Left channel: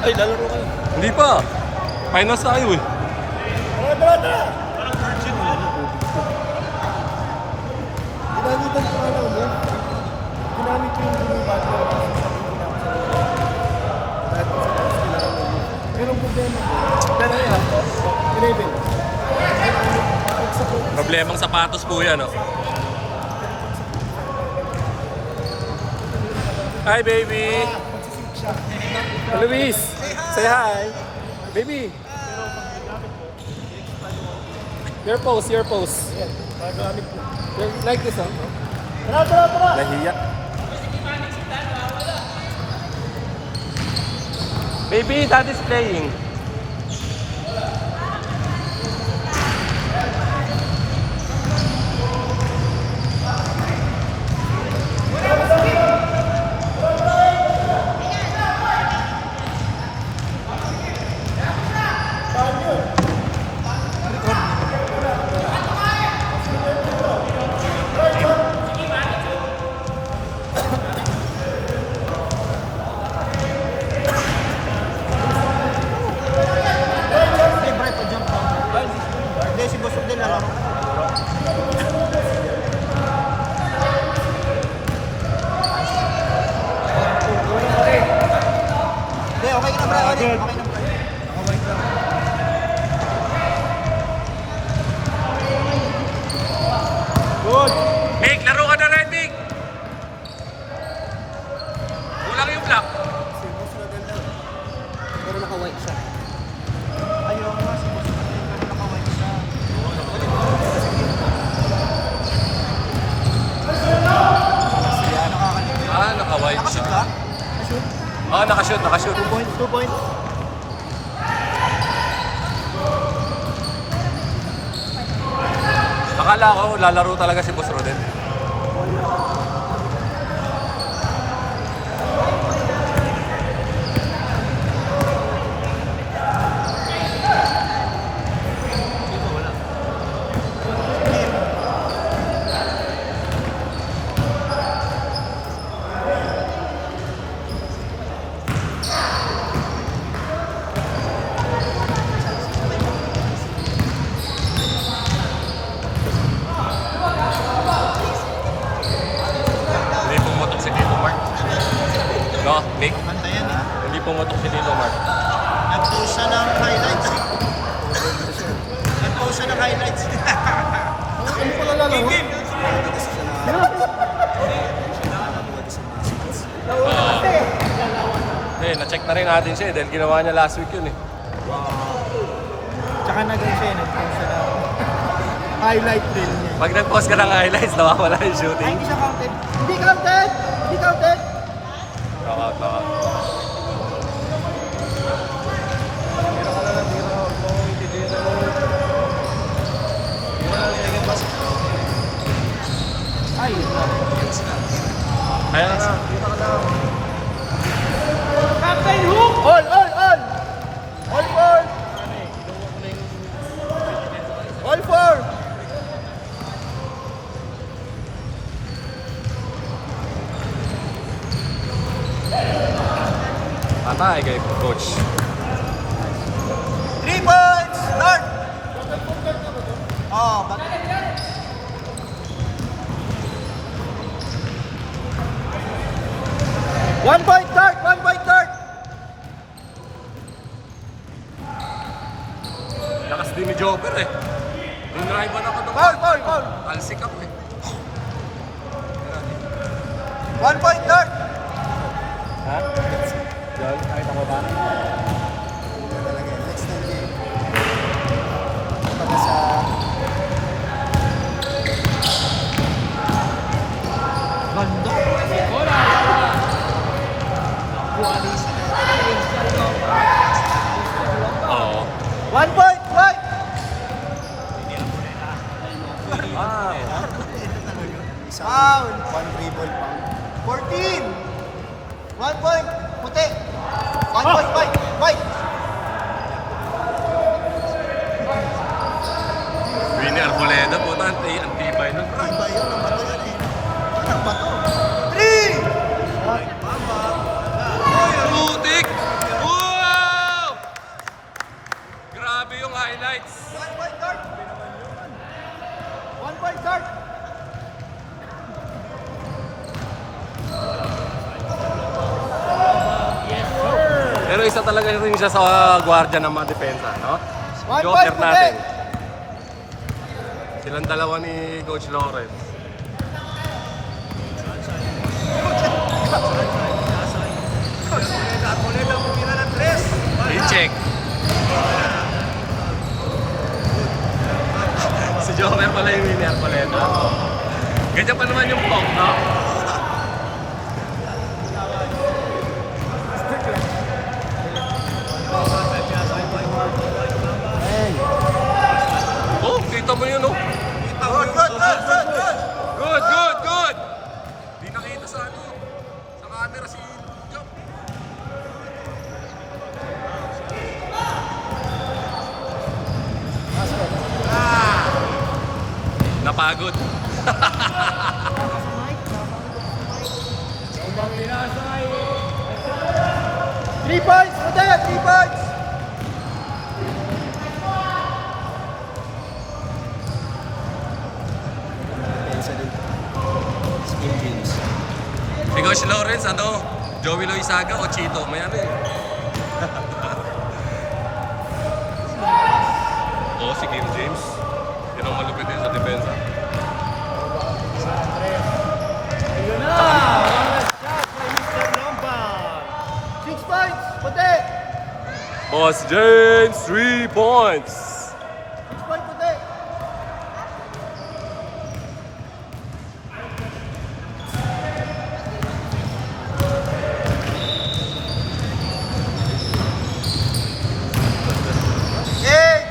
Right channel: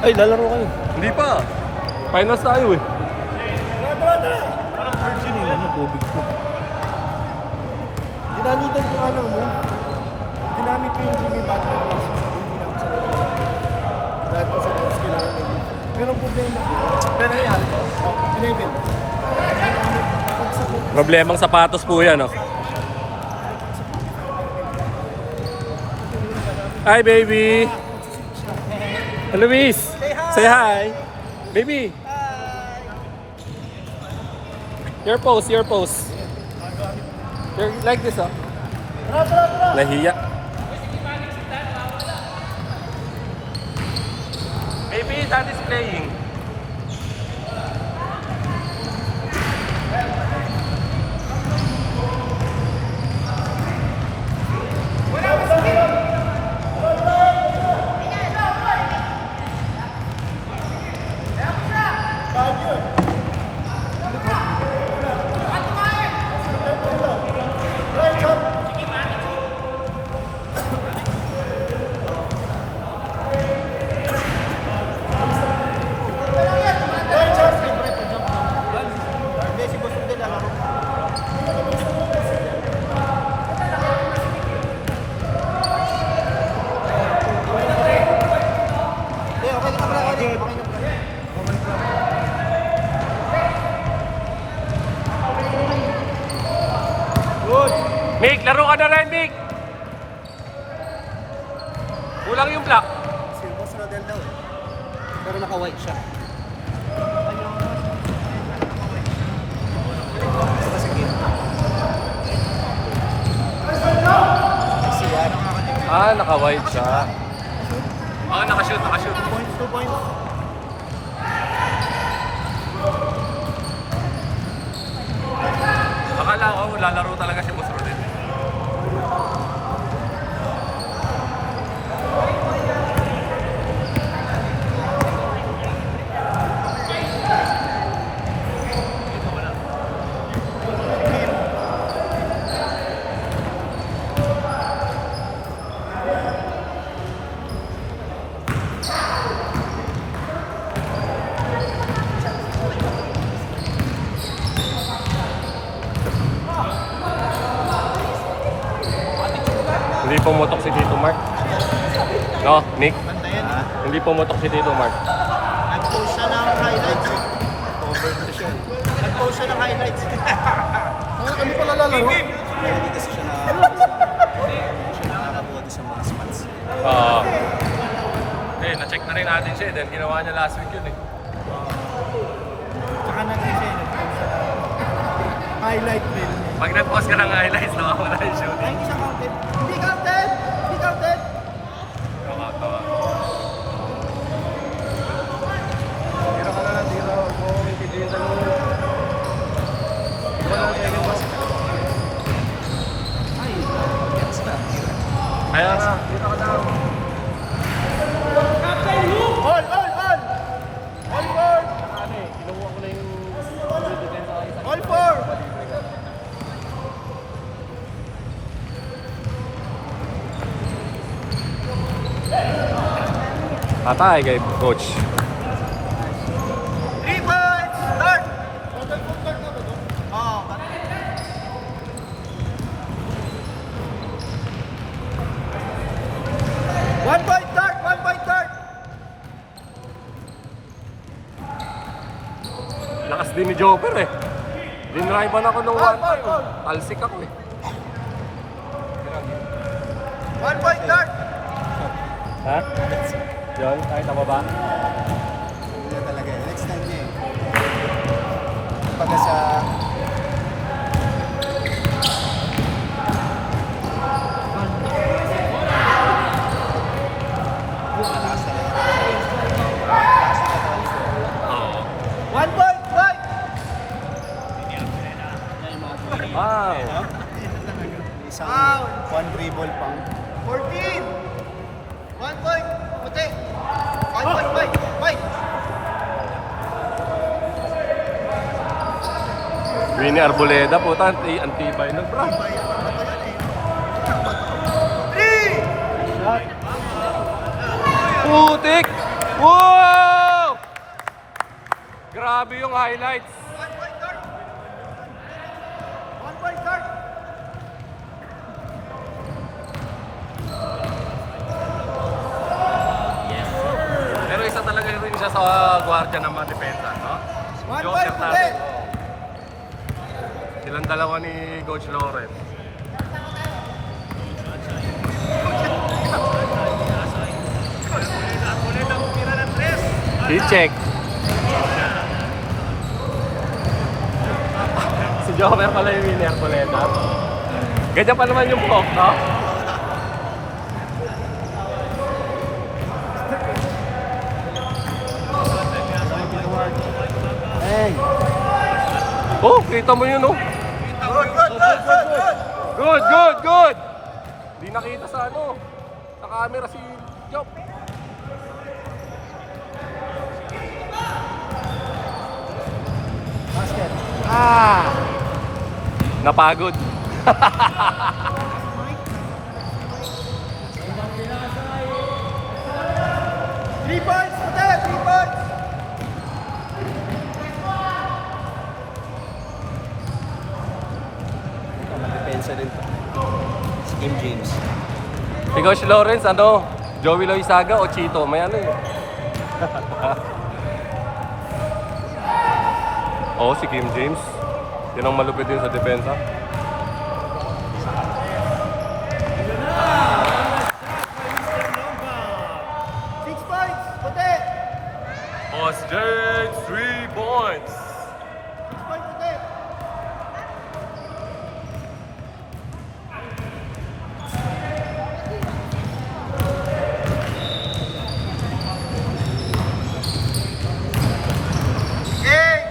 Ay, lalaro kayo. Hindi pa. Finals tayo eh. Tara! Virgin yun, ano, tubig ko. Ginamitan ko ano mo. Ginamit ko yung Jimmy Butler kasi sabi ko na ako sa lalo. Dahil ko sa tapos kailangan nila. Pero ang problema ko, pero yan, pinabin. Problemang sapatos po yan, oh. Hi, baby. Luis, say hi. Baby. Your pose, your pose. Like this, oh. Nahiya. Baby, that is playing. Nick, laro ka na rin, Nick! Kulang yung block. Silvas na din daw. Pero naka-white siya. Ah, naka-white siya. Ah, nakashoot, nakashoot. 2 points. Akala ko, lalaro talaga si Boss Rodel. Hindi pumutok si Tito Mark. No, Nick? Bantayan eh. Hindi pumutok si Tito Mark. Nag-post siya ng highlights eh. Nag-post siya ng highlights. Ano pala lalaro? Na-check na rin natin siya dahil ginawa niya last week yun eh. Tsaka nag-post Highlight din niya. Pag nag-post ka ng highlights, nawawala yung Ay, shooting. hindi siya counted. Hindi counted! Hindi counted! Tira ka na lang, tira. Huwag mo akong intindihan na nung... Hindi ko na lang second pass. Ay, Kaya nga, tira ka lang. Captain Hook! All! All! All! All four! Ano eh, kinuha ko na yung... All four! Patay kay coach. 3 points! Start! Total full court na ba to? Oo. 1 point start! 1 point start! Lakas din ni Joker eh. Dinriban ako ng one time. Talsik ako eh. 1 point start! Ha? Yun, kahit ako ba? Oo. 1 point! 1! Foul! One dribble pa. 14! 1 point! Puti! 1 point! White! White! Winnie Arboleda po, ang tibay nun, bro. Ba yan? Ang bato yan eh. Ang bato. 3! Putik! Wow! talaga rin siya sa gwardiya ng mga depensa, no? 1 Joker point, puti! natin. Silang dalawa ni Coach Lawrence. I-check. Si Joker pala yung winner, Poleta. Ganyan pa naman yung pop, no? Hey! Oh, kita mo yun, no? Good, good, good, good, good! Good, good, good! Di nakita sa ano, sa camera si Job. Napagod. Three points, puti! 3 points! Pensa din. Skin jeans. Si Coach Lawrence, ano? Joey Loizaga o Chito? May ano eh. Oo, si Kim James. Yun ang malupit din sa depensa. Six points, puti! Boss James, 3 points. 6 points, puti! Eight!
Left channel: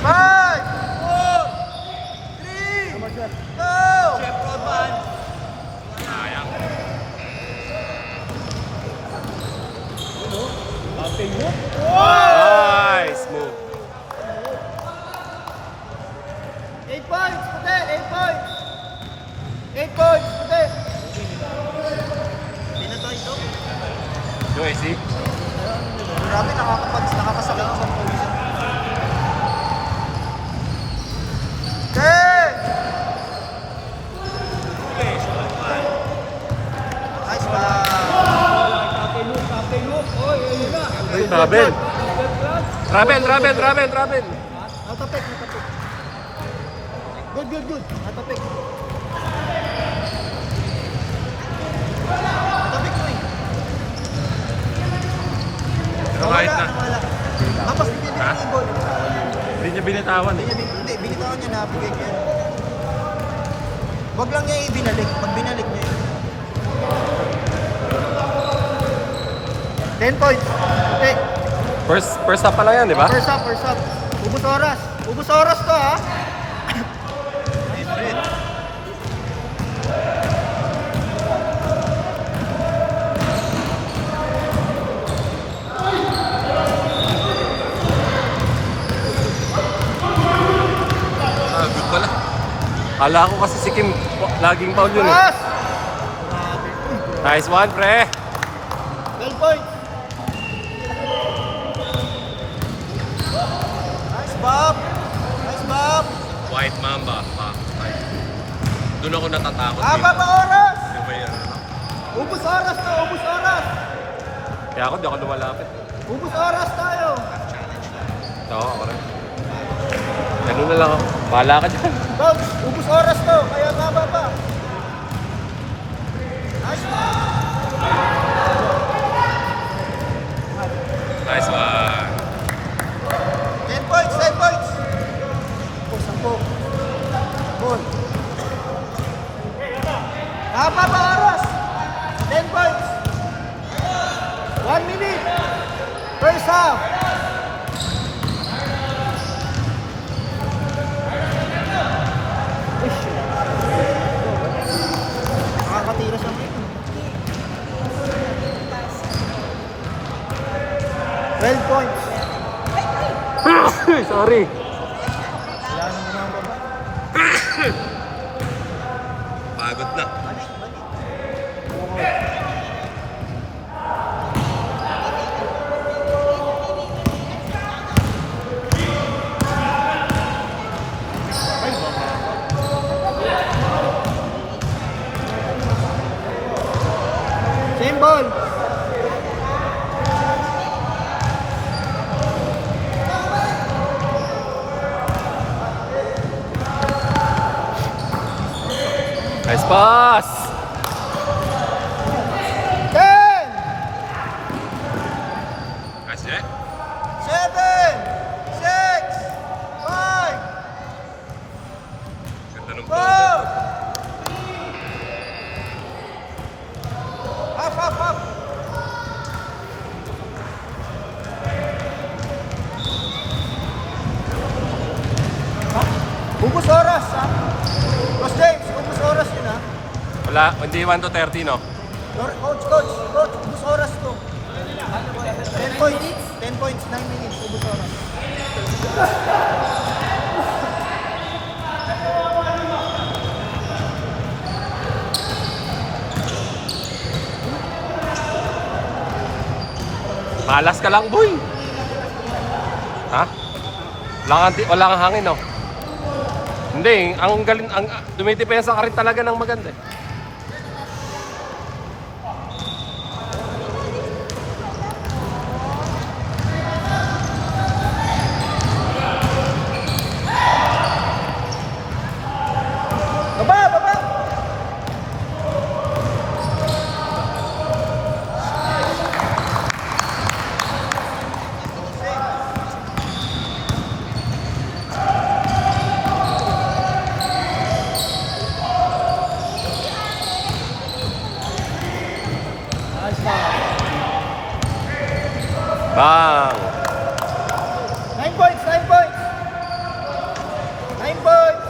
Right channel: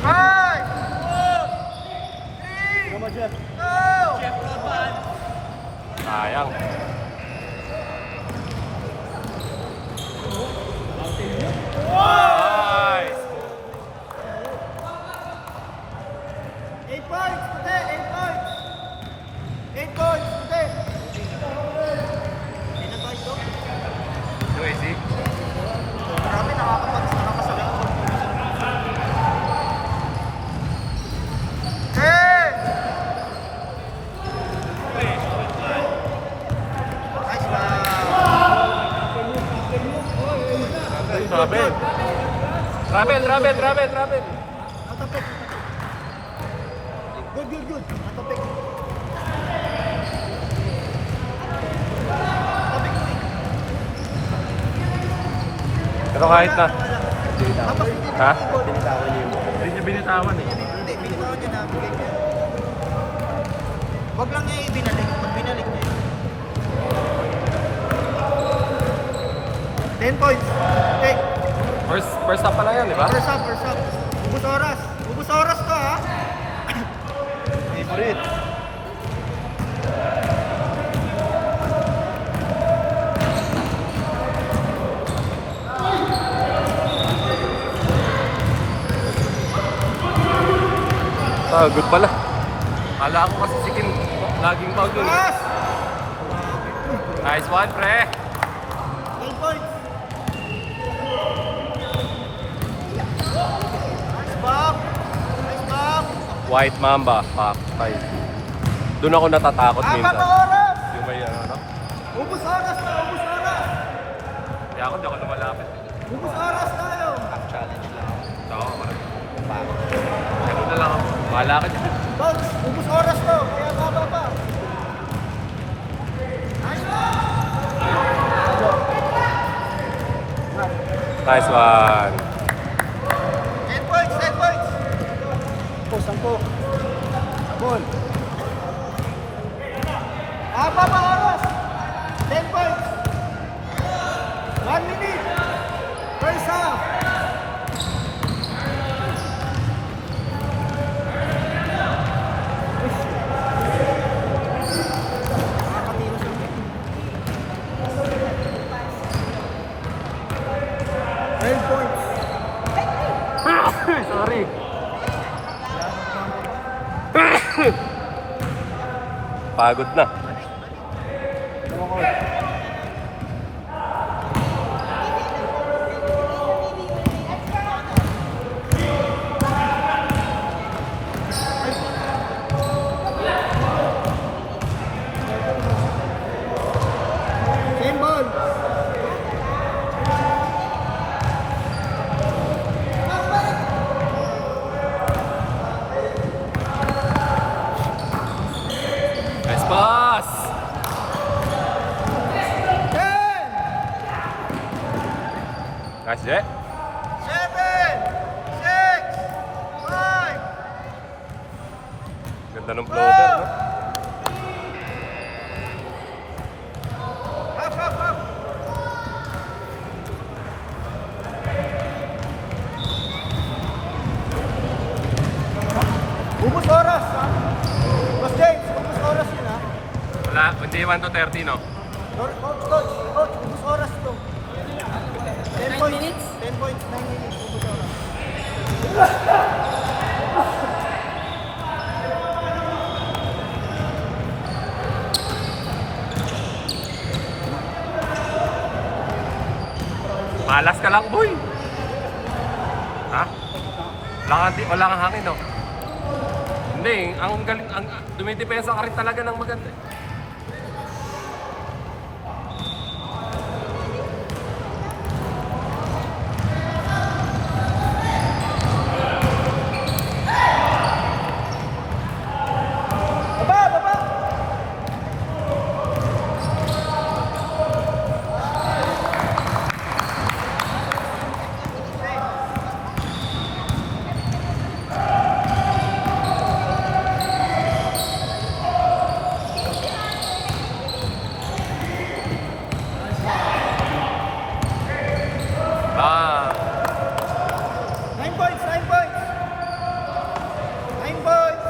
5! 4! 3! 2! Sayang. Nice move. 8 points, puti! 8 points! 8 points, puti! Yung AC? Grabe, nakakasakit. 10! Nice man! Travel. Travel. Atapik. Good. Atapik. Pero kahit na. Ha? Hindi niya binitawan eh. Hindi, binigyan niya na. Huwag lang niya ibinalik. Pag binalik niya. 10 points. Okay. First half pa lang yan, di ba? First up. Ubus oras to, ha? Ah, good pala. Kala ko kasi si Kim laging foul yun eh. Pass! Nice one, pre. 12 points. Nice, Bob. White Mamba, pop. Doon ako natatakot. Apat na oras! Yung may ano, no? Ubus oras to, ubus oras! Kaya ako, di ako lumalapit. Ubus oras tayo! Oo, ako rin. Ano na lang ako. Bahala ka dyan. Dogs, ubus oras to, kaya babal pa. Nice one! Nice one. 10 points, 10 points! Sampo. Goal. Apat na oras! 10 points! 1 minute! First half. Nakakatiros ang 12 points. Sorry. Pagod na. Same ball! Yeah. 7, 6, 5, Ganda ng 4. floater. Up. Ubus oras. Boss James, ubus oras yun ha. Wala, hindi 1 to 30, no? Coach, ubus oras to. 10 points. 10 points, 9 minutes. Ubus oras. Malas ka lang, boy. Ha? Wala kang hangin, no? Hindi, ang galing, dumitipensa ka rin talaga ng maganda. Ah, 9 points, 9 points. 9 points.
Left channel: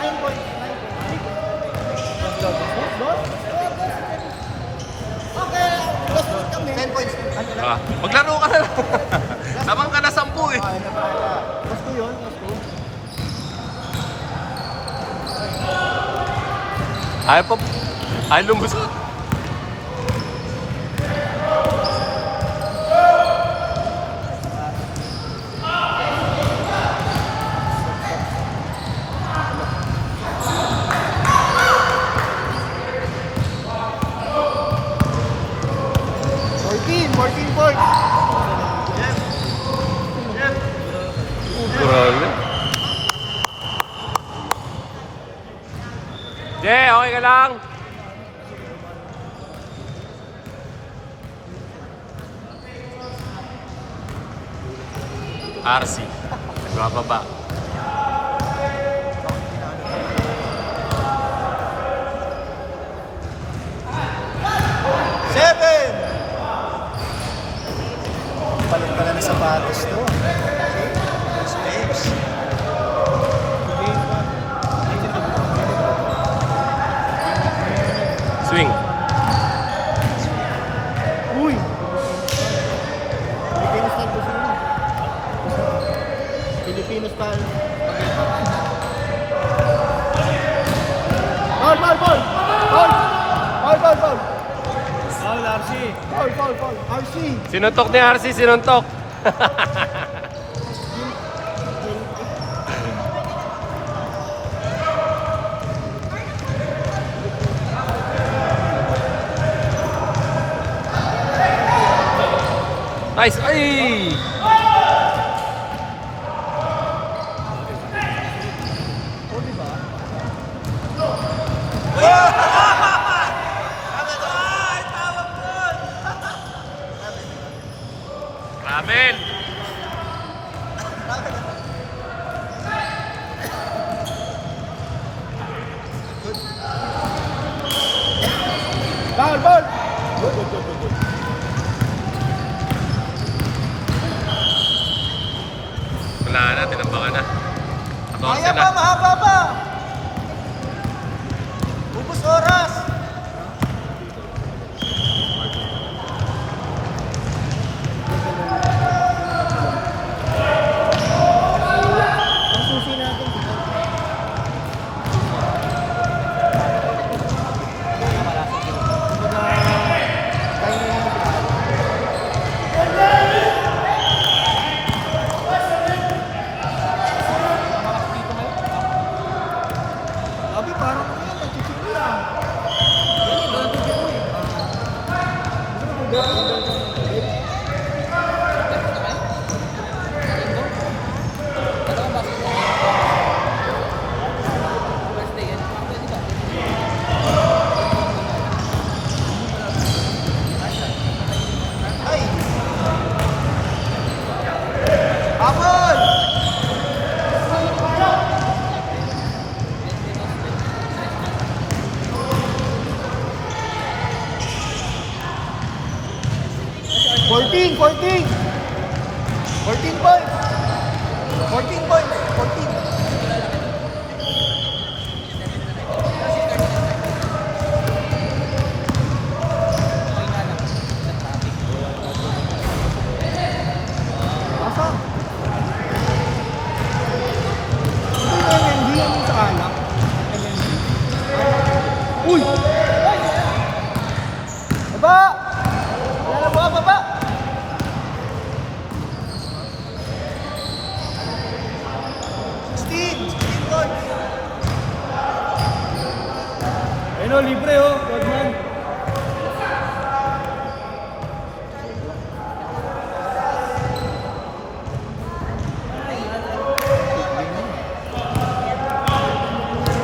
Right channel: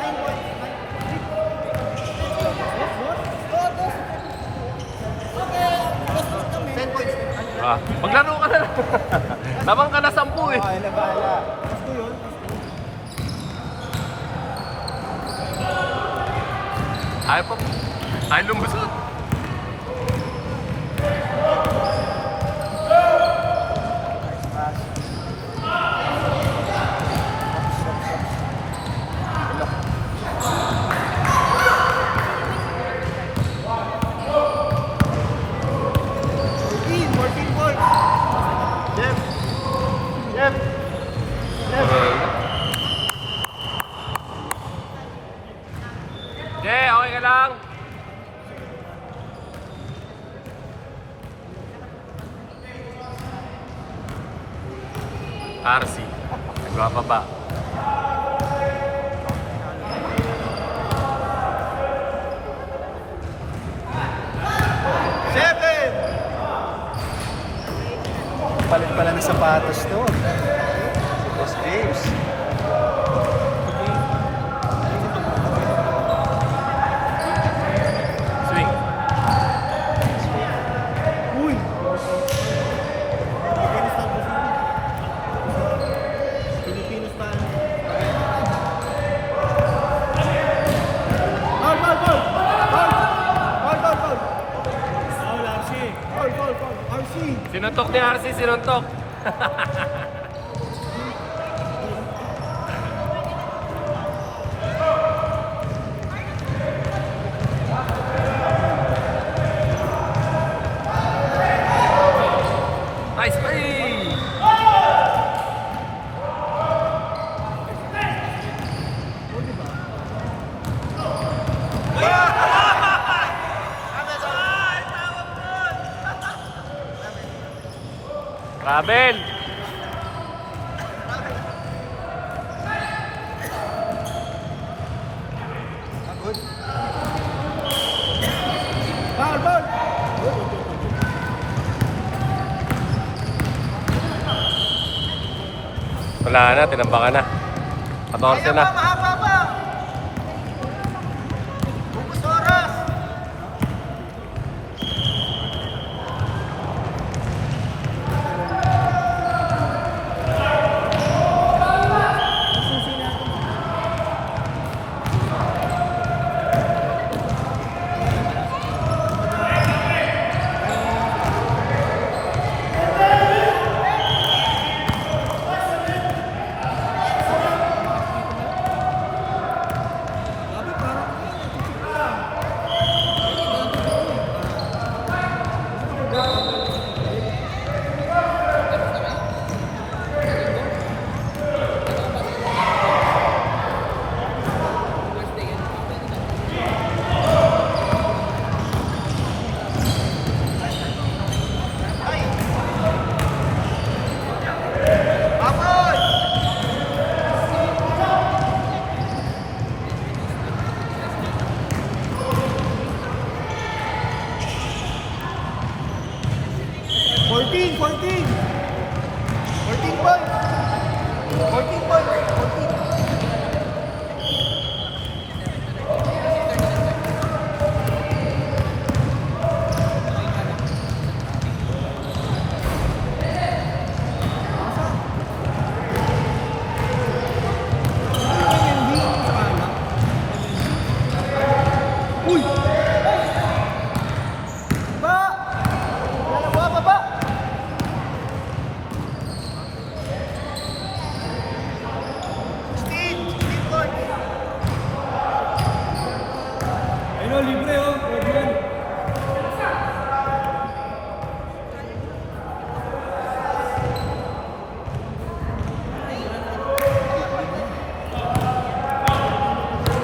9 points. 9 points. maglaro ka na lang. Tabang ka na 10 eh. Ayaw pa. Ayaw lumusot. Jay, okay ka lang? RC, nagbababa. Talong sa patos to. Space. Swing. Uy! Pilipinos tayo po sila. Pilipinos tayo. Ball! Foul, RC. Foul. RC. Sinuntok ni RC, sinuntok. Nice. Ay! Travel! Ball! Good. Wala na, tinambangan na. 14 Kaya na. pa, mahaba pa. Ubus oras. Susi natin. 14 points. 14 points. Uy! Baba! Baba! 16 points. Ayun o, libre o. Good man.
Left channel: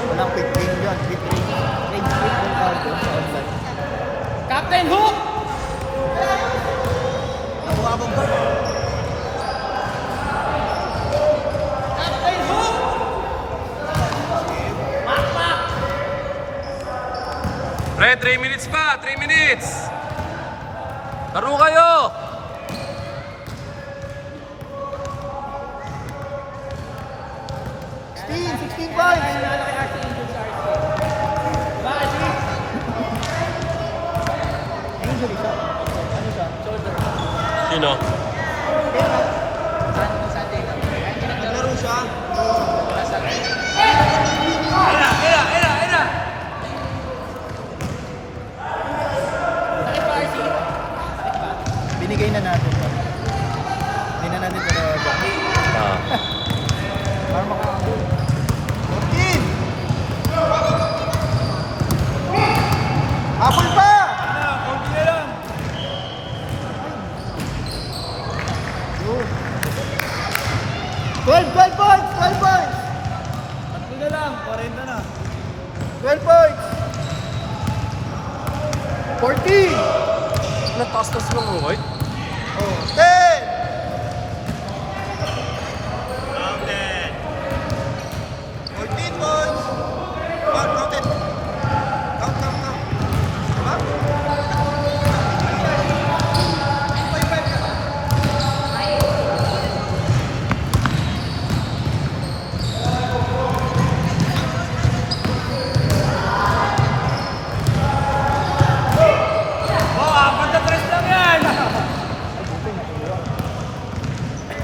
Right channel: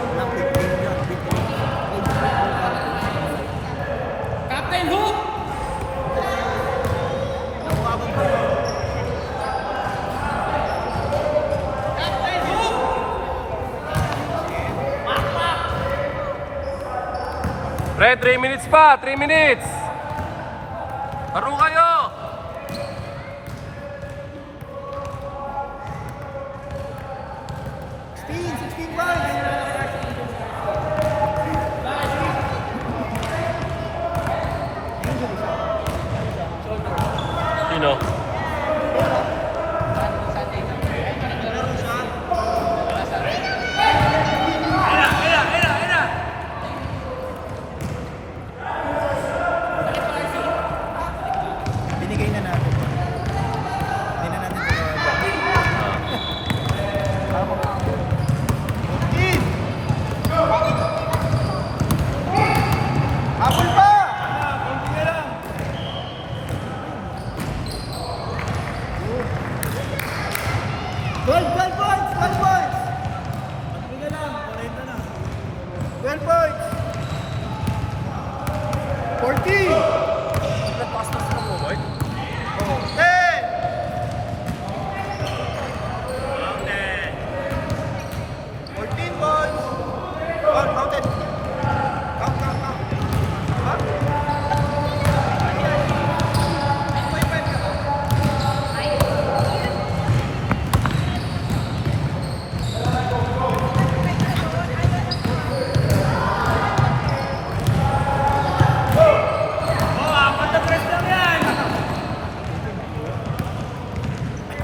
Walang quick game dyan. Quick game. Range football cargo. Captain Hook! Nabuhabang pa. Pre, 3 minutes pa, 3 minutes. Laro kayo. Sixteen points. Sino? Laro siya. Binigay na natin. Hindi na natin pinagawa. Apat pa! 12 points! 12 points! Hindi na lang, 40 na. 12 points! 14! Anong taas-taas mo mo, boy? 10! 14 points! Counted! Count. Diba?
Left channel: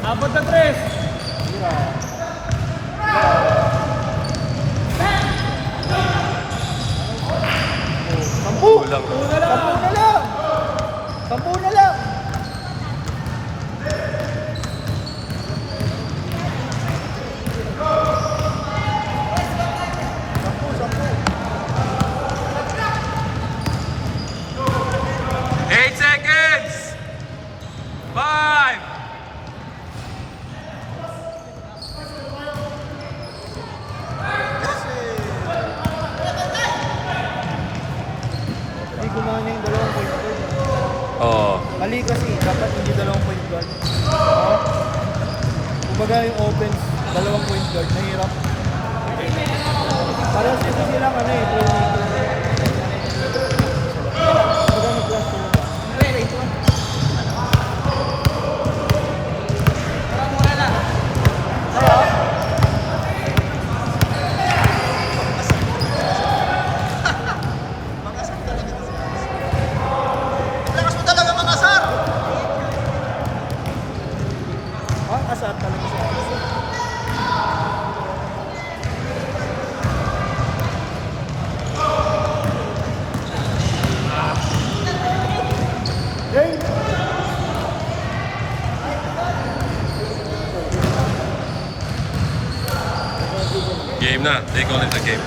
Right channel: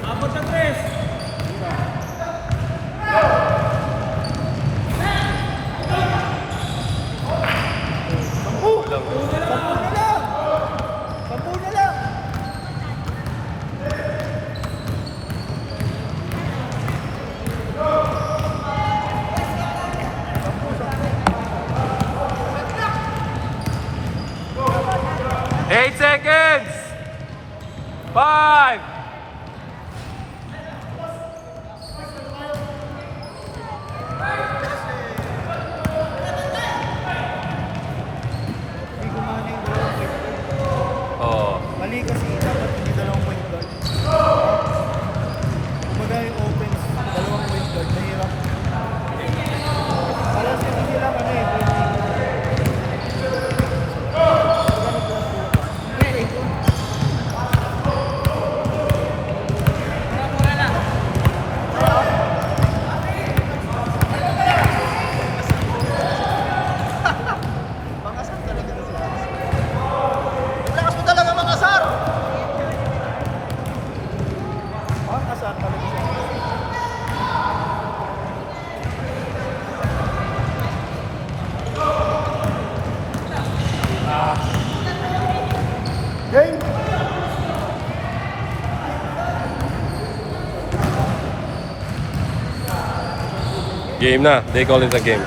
Dapat na 3. Sampu na lang! Eight seconds. 5. Hindi gumana yung dalawang point guard. Oh. Mali kasi, dapat hindi dalawang point guard. Kumbaga yung offense, dalawang point guard, nahirap. Alam siya, sisira ka na eh. Wait lang. Mangasar talaga to sila. Lakas mo talaga mangasar! Mangasar. Game! Game na. They call it a game.